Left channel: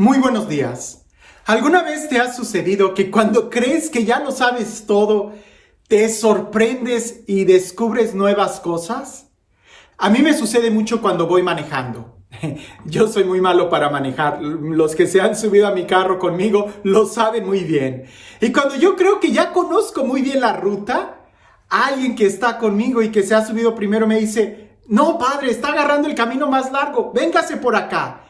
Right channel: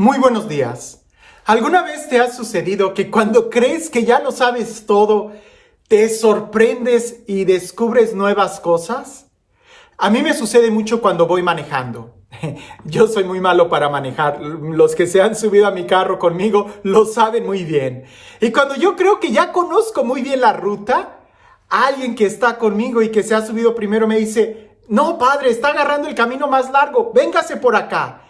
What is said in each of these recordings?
Muy buenos días. ¿Alguna vez te ha sucedido que cuando crees que ya lo sabes todo, te sorprendes y descubres nuevas cosas? A mí me sucede mucho cuando voy manejando. Yo soy muy malo para manejar. Los que se han subido a mi carro conmigo lo saben muy bien. Y cuando yo creo que ya conozco muy bien la ruta, alguien que está conmigo y que se ha subido primero me dice: "No, padre, está agarrando el camino más largo, véngase por acá".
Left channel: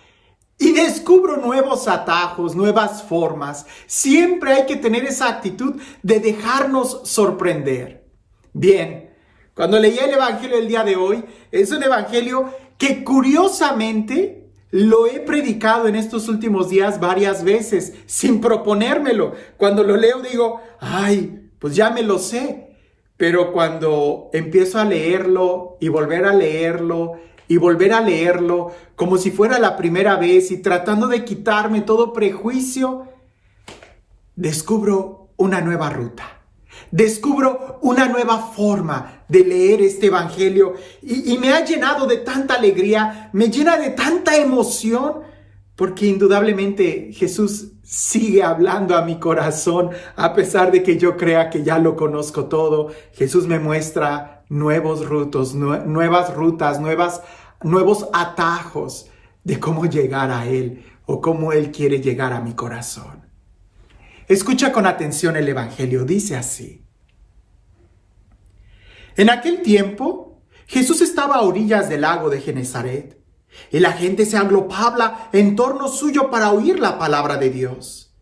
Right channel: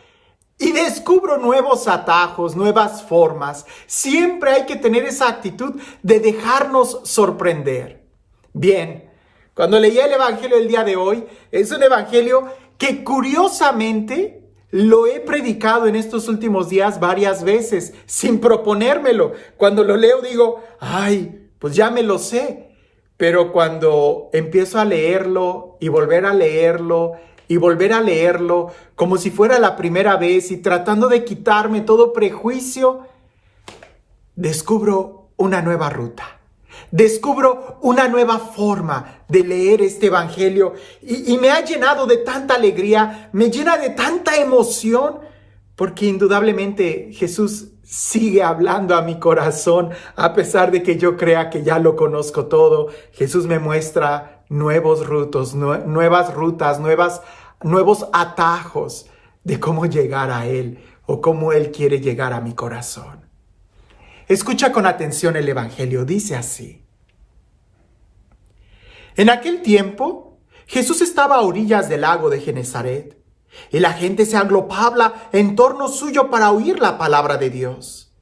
Y descubro nuevos atajos, nuevas formas. Siempre hay que tener esa actitud de dejarnos sorprender. Bien, cuando leí el evangelio del día de hoy, es un evangelio que curiosamente lo he predicado en estos últimos días varias veces, sin proponérmelo. Cuando lo leo digo, pues ya me lo sé. Pero cuando empiezo a leerlo y volver a leerlo y volver a leerlo como si fuera la primera vez y tratando de quitarme todo prejuicio, descubro una nueva ruta. Descubro una nueva forma de leer este evangelio y me ha llenado de tanta alegría, me llena de tanta emoción, porque indudablemente Jesús sigue hablando a mi corazón, a pesar de que yo crea que ya lo conozco todo. Jesús me muestra nuevos rutos, nuevas rutas, nuevos atajos de cómo llegar a Él o cómo Él quiere llegar a mi corazón. Escucha con atención el evangelio, dice así. En aquel tiempo, Jesús estaba a orillas del lago de Genesaret, y la gente se agrupaba en torno suyo para oír la palabra de Dios.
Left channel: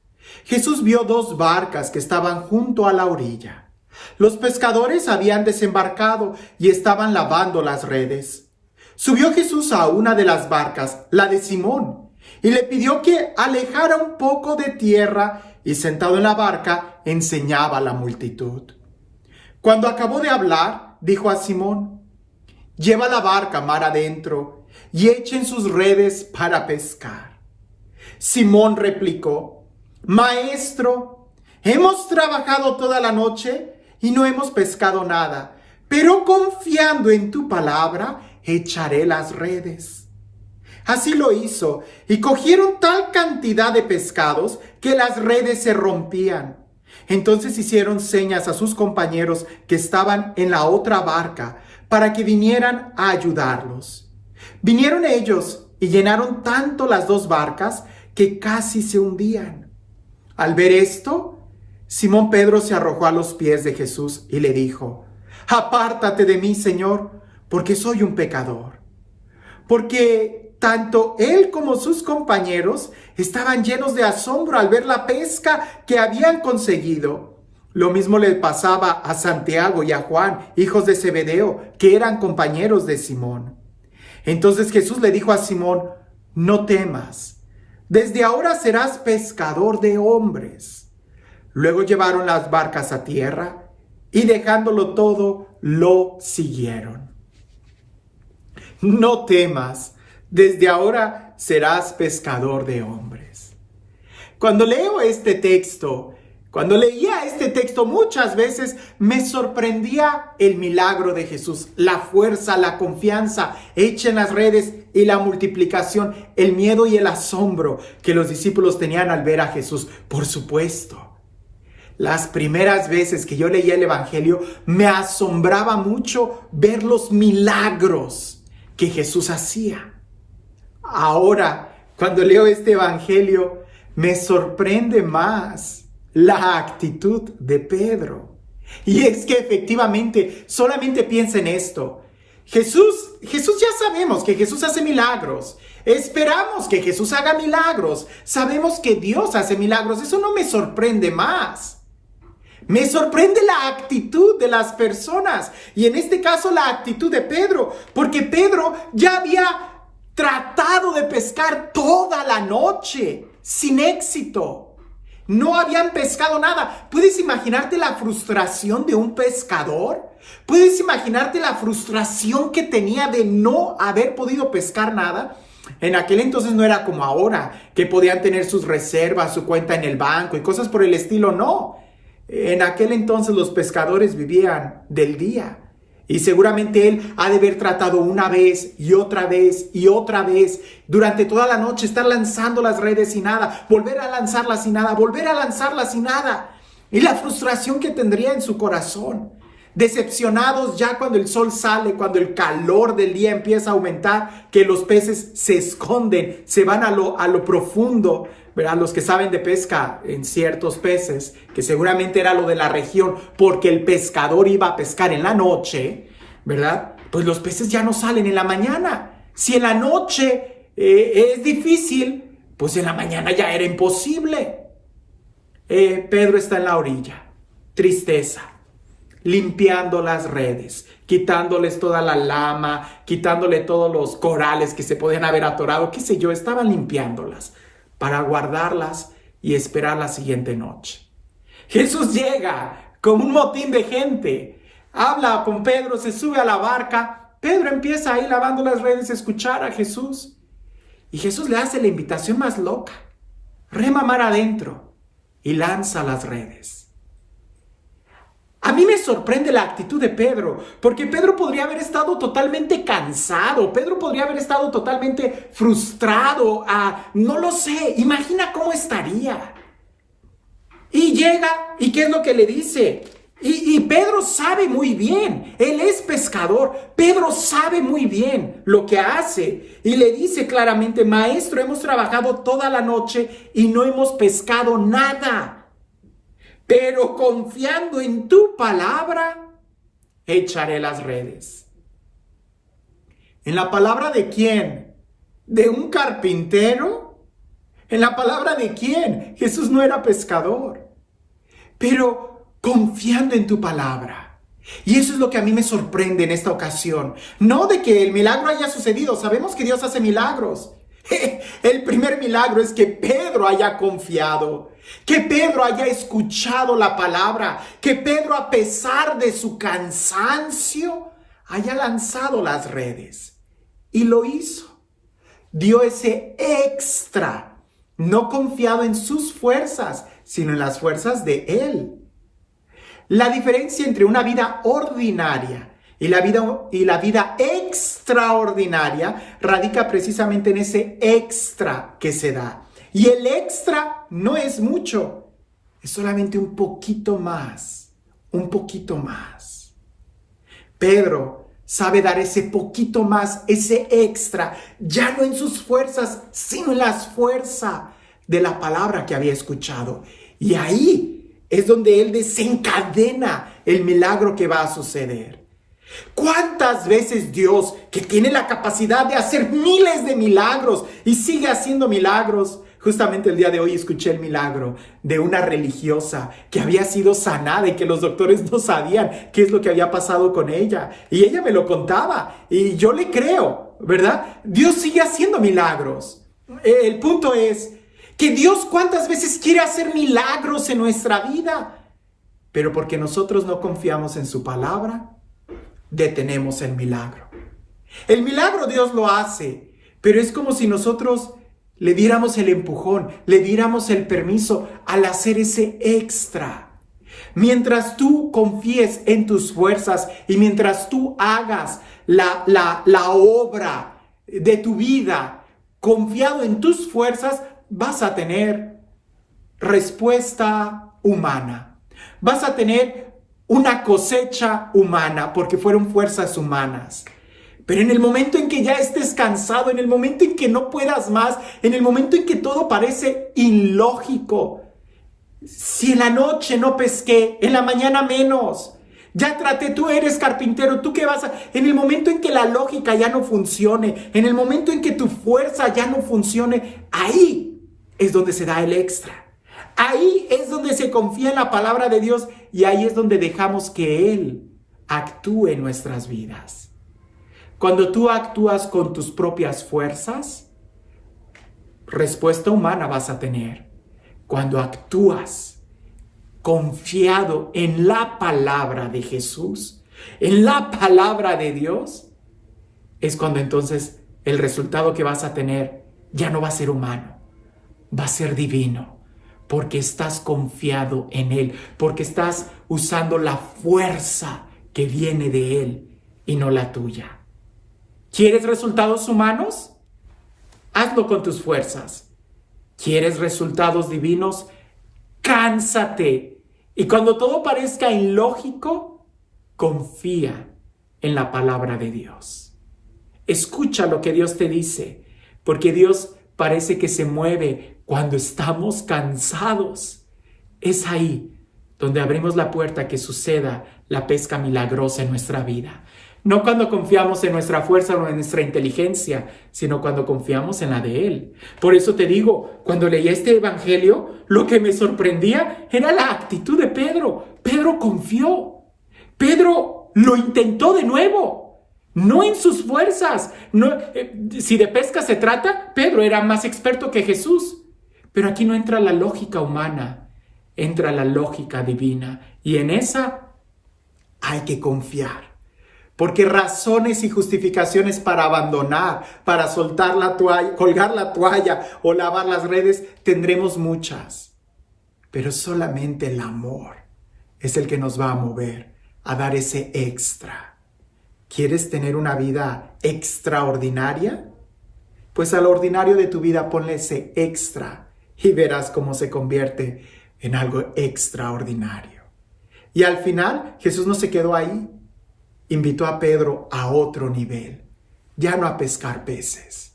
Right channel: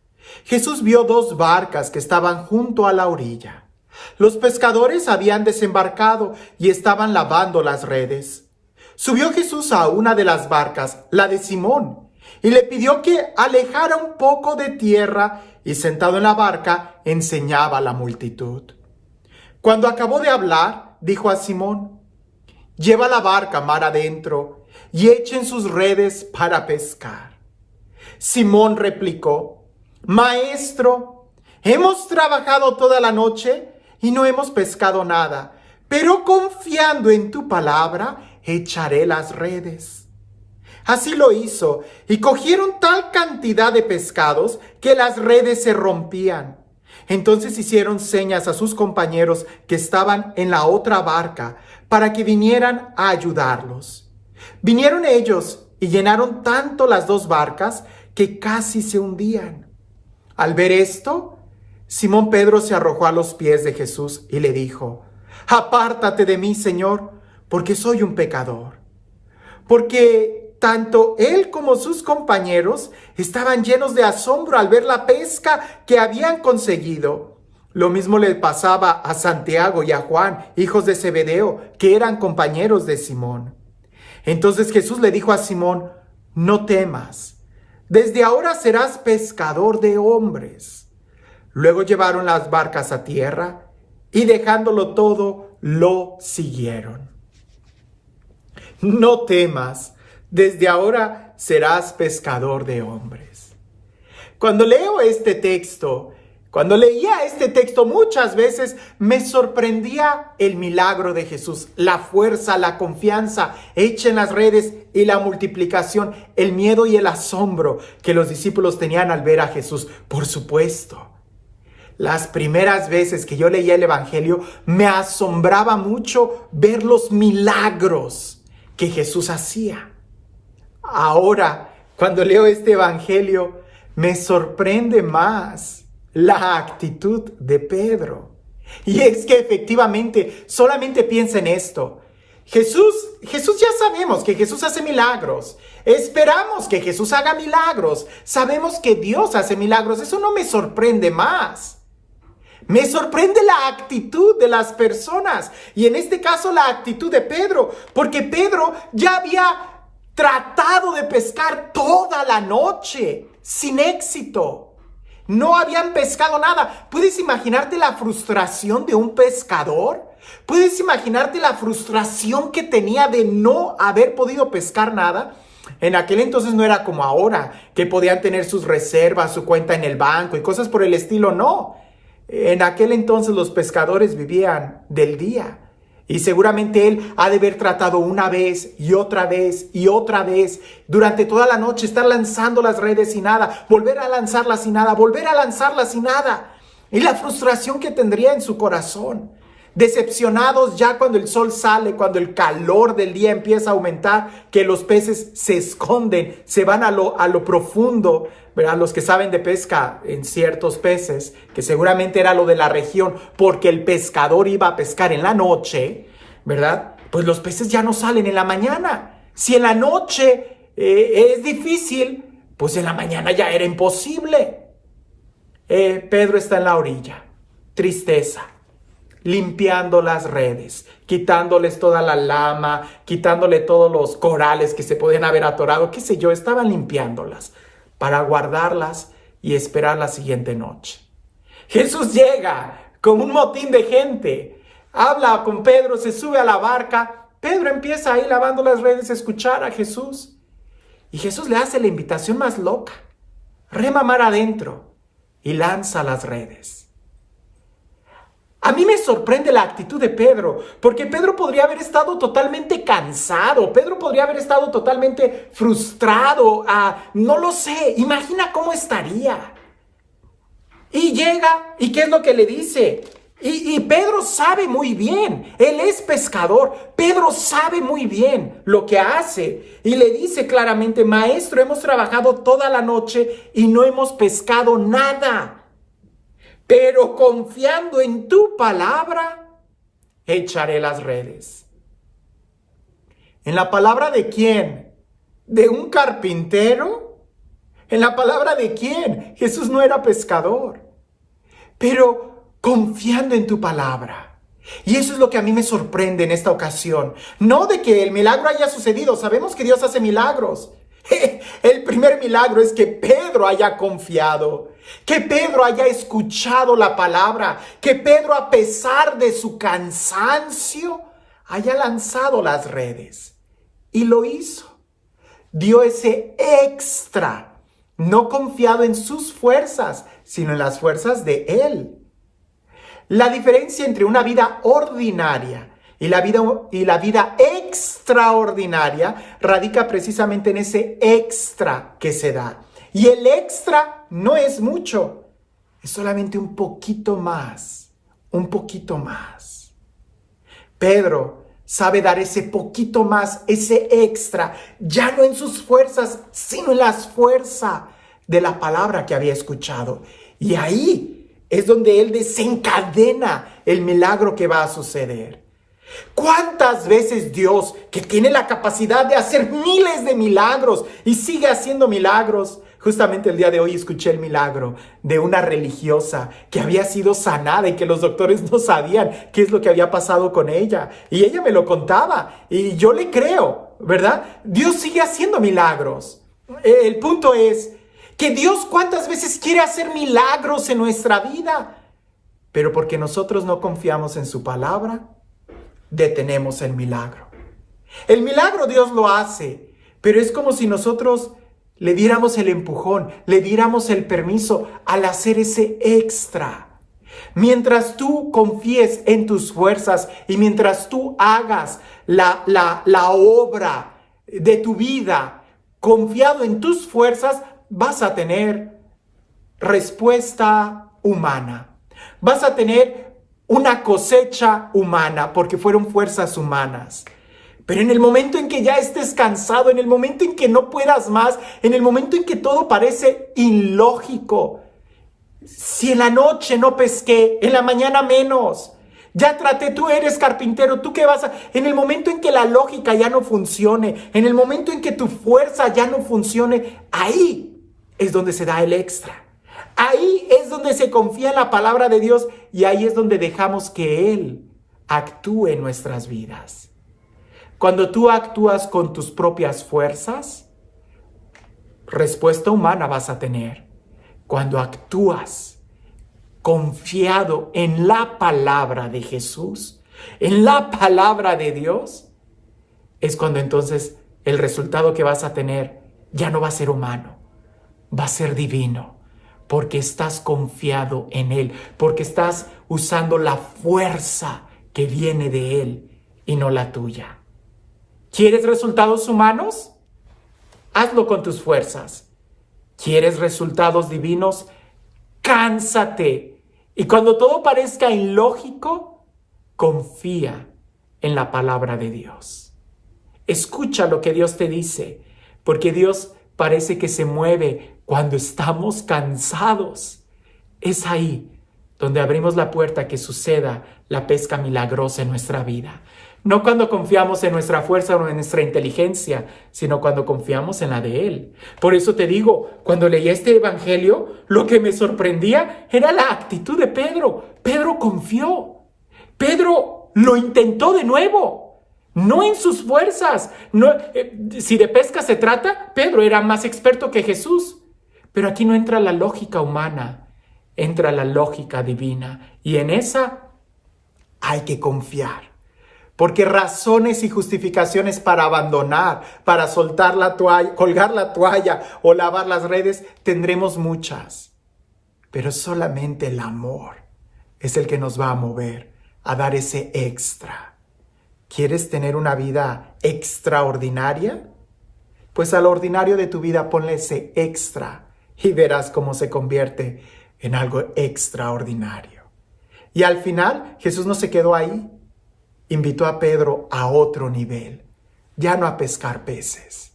Jesús vio 2 barcas que estaban junto a la orilla. Los pescadores habían desembarcado y estaban lavando las redes. Subió Jesús a una de las barcas, la de Simón, y le pidió que alejara un poco de tierra, y sentado en la barca enseñaba a la multitud. Cuando acabó de hablar, dijo a Simón: "Lleva la barca mar adentro y echen sus redes para pescar". Simón replicó: "Maestro, hemos trabajado toda la noche y no hemos pescado nada, pero confiando en tu palabra, echaré las redes". Así lo hizo, y cogieron tal cantidad de pescados que las redes se rompían. Entonces hicieron señas a sus compañeros que estaban en la otra barca para que vinieran a ayudarlos. Vinieron ellos y llenaron tanto las 2 barcas que casi se hundían. Al ver esto, Simón Pedro se arrojó a los pies de Jesús y le dijo: "Apártate de mí, Señor, porque soy un pecador". Porque tanto él como sus compañeros estaban llenos de asombro al ver la pesca que habían conseguido. Lo mismo le pasaba a Santiago y a Juan, hijos de Zebedeo, que eran compañeros de Simón. Entonces Jesús le dijo a Simón: "No temas, desde ahora serás pescador de hombres". Luego llevaron las barcas a tierra y dejándolo todo, lo siguieron. No temas, desde ahora serás pescador de hombres. Cuando leía este texto, muchas veces me sorprendía el milagro de Jesús, la fuerza, la confianza, echen las redes y la multiplicación, el miedo y el asombro que los discípulos tenían al ver a Jesús. Por supuesto, las primeras veces que yo leía el evangelio me asombraba mucho ver los milagros que Jesús hacía. Ahora, cuando leo este evangelio, me sorprende más la actitud de Pedro. Y es que efectivamente, solamente piensa en esto. Jesús ya sabemos que Jesús hace milagros. Esperamos que Jesús haga milagros. Sabemos que Dios hace milagros. Eso no me sorprende más. Me sorprende la actitud de las personas. Y en este caso la actitud de Pedro. Porque Pedro ya había tratado de pescar toda la noche sin éxito. No habían pescado nada. ¿Puedes imaginarte la frustración de un pescador? ¿Puedes imaginarte la frustración que tenía de no haber podido pescar nada? En aquel entonces no era como ahora, que podían tener sus reservas, su cuenta en el banco y cosas por el estilo. No. En aquel entonces los pescadores vivían del día. Y seguramente él ha de haber tratado una vez y otra vez y otra vez durante toda la noche, estar lanzando las redes y nada, volver a lanzarlas y nada, volver a lanzarlas y nada. Y la frustración que tendría en su corazón. Decepcionados ya cuando el sol sale, cuando el calor del día empieza a aumentar, que los peces se esconden, se van a lo profundo, ¿verdad? Los que saben de pesca en ciertos peces, que seguramente era lo de la región, porque el pescador iba a pescar en la noche, ¿verdad? Pues los peces ya no salen en la mañana. Si en la noche es difícil, pues en la mañana ya era imposible. Pedro está en la orilla, tristeza, limpiando las redes, quitándoles toda la lama, quitándole todos los corales que se podían haber atorado, qué sé yo, estaban limpiándolas para guardarlas y esperar la siguiente noche. Jesús llega con un motín de gente, habla con Pedro, se sube a la barca, Pedro empieza ahí lavando las redes a escuchar a Jesús y Jesús le hace la invitación más loca, rema mar adentro y lanza las redes. A mí me sorprende la actitud de Pedro, porque Pedro podría haber estado totalmente cansado, Pedro podría haber estado totalmente frustrado, no lo sé, imagina cómo estaría. Y llega, ¿y qué es lo que le dice? Y Pedro sabe muy bien, él es pescador, Pedro sabe muy bien lo que hace y le dice claramente, maestro, hemos trabajado toda la noche y no hemos pescado nada. Pero confiando en tu palabra, echaré las redes. ¿En la palabra de quién? ¿De un carpintero? ¿En la palabra de quién? Jesús no era pescador. Pero confiando en tu palabra. Y eso es lo que a mí me sorprende en esta ocasión. No de que el milagro haya sucedido. Sabemos que Dios hace milagros. El primer milagro es que Pedro haya confiado, que Pedro haya escuchado la palabra, que Pedro, a pesar de su cansancio, haya lanzado las redes. Y lo hizo. Dio ese extra, no confiado en sus fuerzas, sino en las fuerzas de Él. La diferencia entre una vida ordinaria y la vida extraordinaria radica precisamente en ese extra que se da. Y el extra no es mucho, es solamente un poquito más, un poquito más. Pedro sabe dar ese poquito más, ese extra, ya no en sus fuerzas, sino en las fuerzas de la palabra que había escuchado. Y ahí es donde él desencadena el milagro que va a suceder. ¿Cuántas veces Dios, que tiene la capacidad de hacer miles de milagros y sigue haciendo milagros? Justamente el día de hoy escuché el milagro de una religiosa que había sido sanada y que los doctores no sabían qué es lo que había pasado con ella. Y ella me lo contaba y yo le creo, ¿verdad? Dios sigue haciendo milagros. El punto es que Dios cuántas veces quiere hacer milagros en nuestra vida, pero porque nosotros no confiamos en su palabra, detenemos el milagro. El milagro Dios lo hace, pero es como si nosotros le diéramos el empujón, le diéramos el permiso al hacer ese extra. Mientras tú confíes en tus fuerzas y mientras tú hagas la obra de tu vida confiado en tus fuerzas, vas a tener respuesta humana. Vas a tener una cosecha humana, porque fueron fuerzas humanas. Pero en el momento en que ya estés cansado, en el momento en que no puedas más, en el momento en que todo parece ilógico, si en la noche no pesqué, en la mañana menos, ya traté, tú eres carpintero, ¿tú qué vas a...? En el momento en que la lógica ya no funcione, en el momento en que tu fuerza ya no funcione, ahí es donde se da el extra. Ahí es donde se confía en la palabra de Dios y ahí es donde dejamos que Él actúe en nuestras vidas. Cuando tú actúas con tus propias fuerzas, respuesta humana vas a tener. Cuando actúas confiado en la palabra de Jesús, en la palabra de Dios, es cuando entonces el resultado que vas a tener ya no va a ser humano, va a ser divino. Porque estás confiado en Él, porque estás usando la fuerza que viene de Él y no la tuya. ¿Quieres resultados humanos? Hazlo con tus fuerzas. ¿Quieres resultados divinos? Cánsate. Y cuando todo parezca ilógico, confía en la palabra de Dios. Escucha lo que Dios te dice, porque Dios parece que se mueve cuando estamos cansados. Es ahí donde abrimos la puerta a que suceda la pesca milagrosa en nuestra vida. No cuando confiamos en nuestra fuerza o en nuestra inteligencia, sino cuando confiamos en la de Él. Por eso te digo, cuando leí este evangelio, lo que me sorprendía era la actitud de Pedro. Pedro confió. Pedro lo intentó de nuevo. No en sus fuerzas. No, si de pesca se trata, Pedro era más experto que Jesús. Pero aquí no entra la lógica humana, entra la lógica divina. Y en esa hay que confiar. Porque razones y justificaciones para abandonar, para soltar la toalla, colgar la toalla o lavar las redes, tendremos muchas. Pero solamente el amor es el que nos va a mover a dar ese extra. ¿Quieres tener una vida extraordinaria? Pues al ordinario de tu vida ponle ese extra y verás cómo se convierte en algo extraordinario. Y al final Jesús no se quedó ahí. Invitó a Pedro a otro nivel, ya no a pescar peces,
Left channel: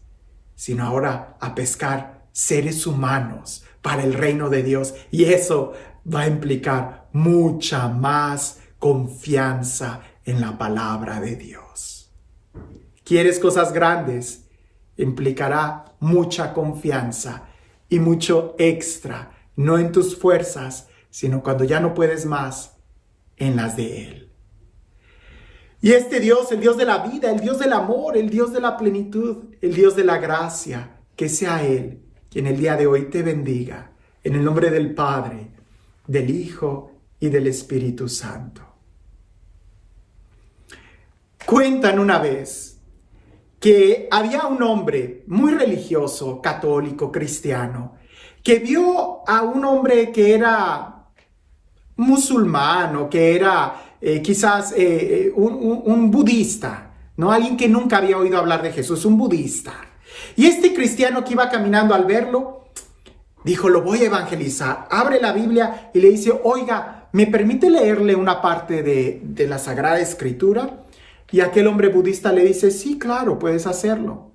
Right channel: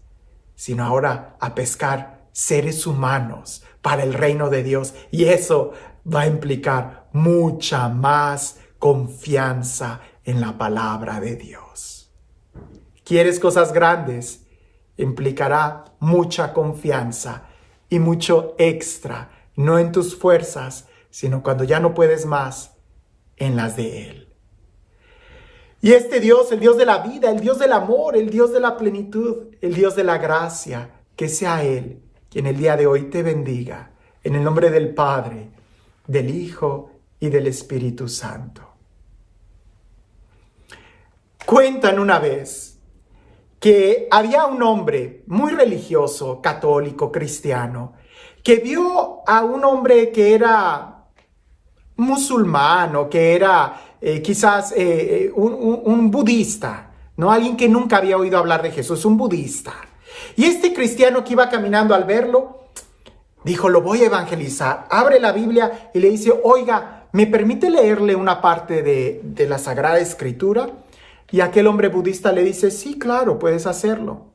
sino ahora a pescar seres humanos para el reino de Dios. Y eso va a implicar mucha más confianza en la palabra de Dios. ¿Quieres cosas grandes? Implicará mucha confianza y mucho extra, no en tus fuerzas, sino cuando ya no puedes más, en las de Él. Y este Dios, el Dios de la vida, el Dios del amor, el Dios de la plenitud, el Dios de la gracia, que sea Él quien el día de hoy te bendiga, en el nombre del Padre, del Hijo y del Espíritu Santo. Cuentan una vez que había un hombre muy religioso, católico, cristiano, que vio a un hombre que era musulmán o que era quizás un budista, ¿no? Alguien que nunca había oído hablar de Jesús, un budista. Y este cristiano que iba caminando al verlo, dijo, lo voy a evangelizar. Abre la Biblia y le dice, oiga, ¿me permite leerle una parte de la Sagrada Escritura? Y aquel hombre budista le dice, sí, claro, puedes hacerlo.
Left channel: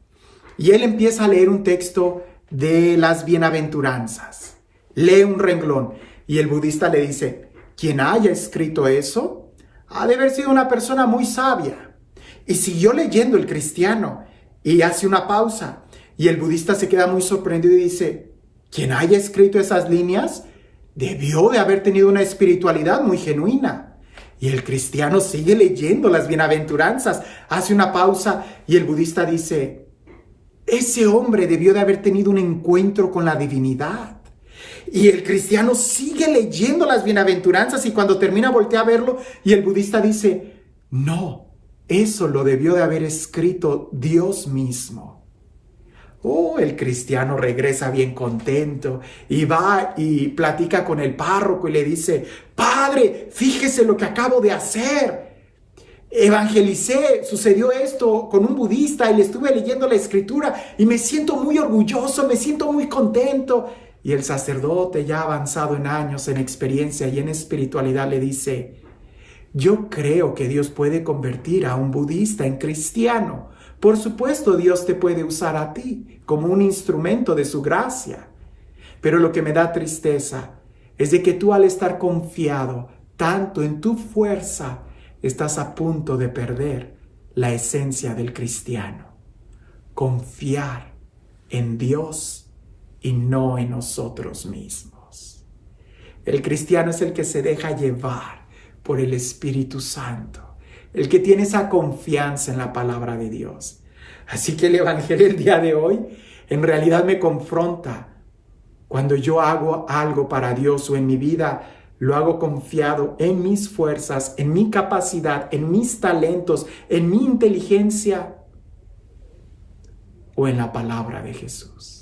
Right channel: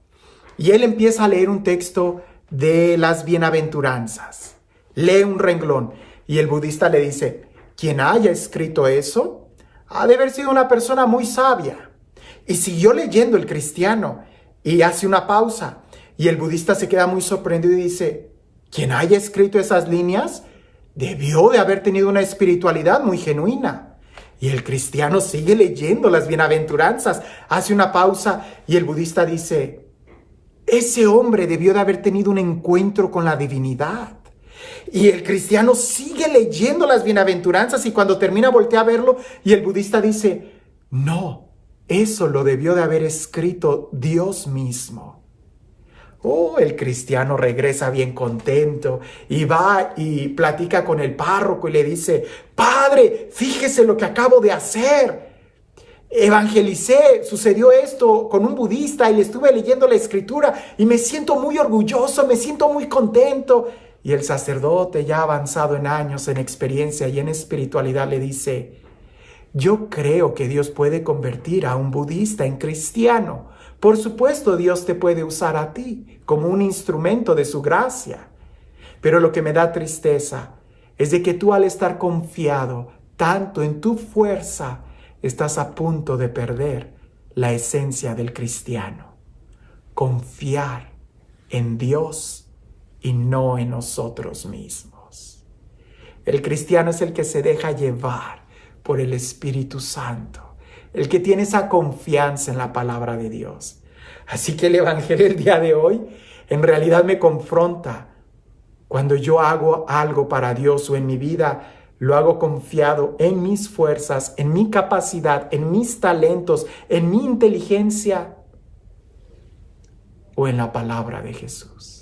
Y él empieza a leer un texto de las bienaventuranzas. Lee un renglón y el budista le dice, quien haya escrito eso ha de haber sido una persona muy sabia. Y siguió leyendo el cristiano y hace una pausa. Y el budista se queda muy sorprendido y dice, quien haya escrito esas líneas debió de haber tenido una espiritualidad muy genuina. Y el cristiano sigue leyendo las bienaventuranzas, hace una pausa y el budista dice, ese hombre debió de haber tenido un encuentro con la divinidad. Y el cristiano sigue leyendo las bienaventuranzas y cuando termina voltea a verlo y el budista dice, no, eso lo debió de haber escrito Dios mismo. Oh, el cristiano regresa bien contento y va y platica con el párroco y le dice, padre, fíjese lo que acabo de hacer. Evangelicé, sucedió esto con un budista y estuve leyendo la escritura y me siento muy orgulloso, me siento muy contento. Y el sacerdote, ya avanzado en años, en experiencia y en espiritualidad, le dice, yo creo que Dios puede convertir a un budista en cristiano. Por supuesto, Dios te puede usar a ti como un instrumento de su gracia. Pero lo que me da tristeza es de que tú, al estar confiado tanto en tu fuerza, estás a punto de perder la esencia del cristiano. Confiar en Dios y no en nosotros mismos. El cristiano es el que se deja llevar por el Espíritu Santo, el que tiene esa confianza en la palabra de Dios. Así que el evangelio del día de hoy en realidad me confronta. Cuando yo hago algo para Dios o en mi vida, lo hago confiado en mis fuerzas, en mi capacidad, en mis talentos, en mi inteligencia o en la palabra de Jesús.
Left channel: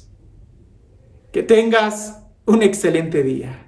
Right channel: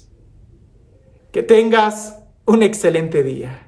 Que tengas un excelente día.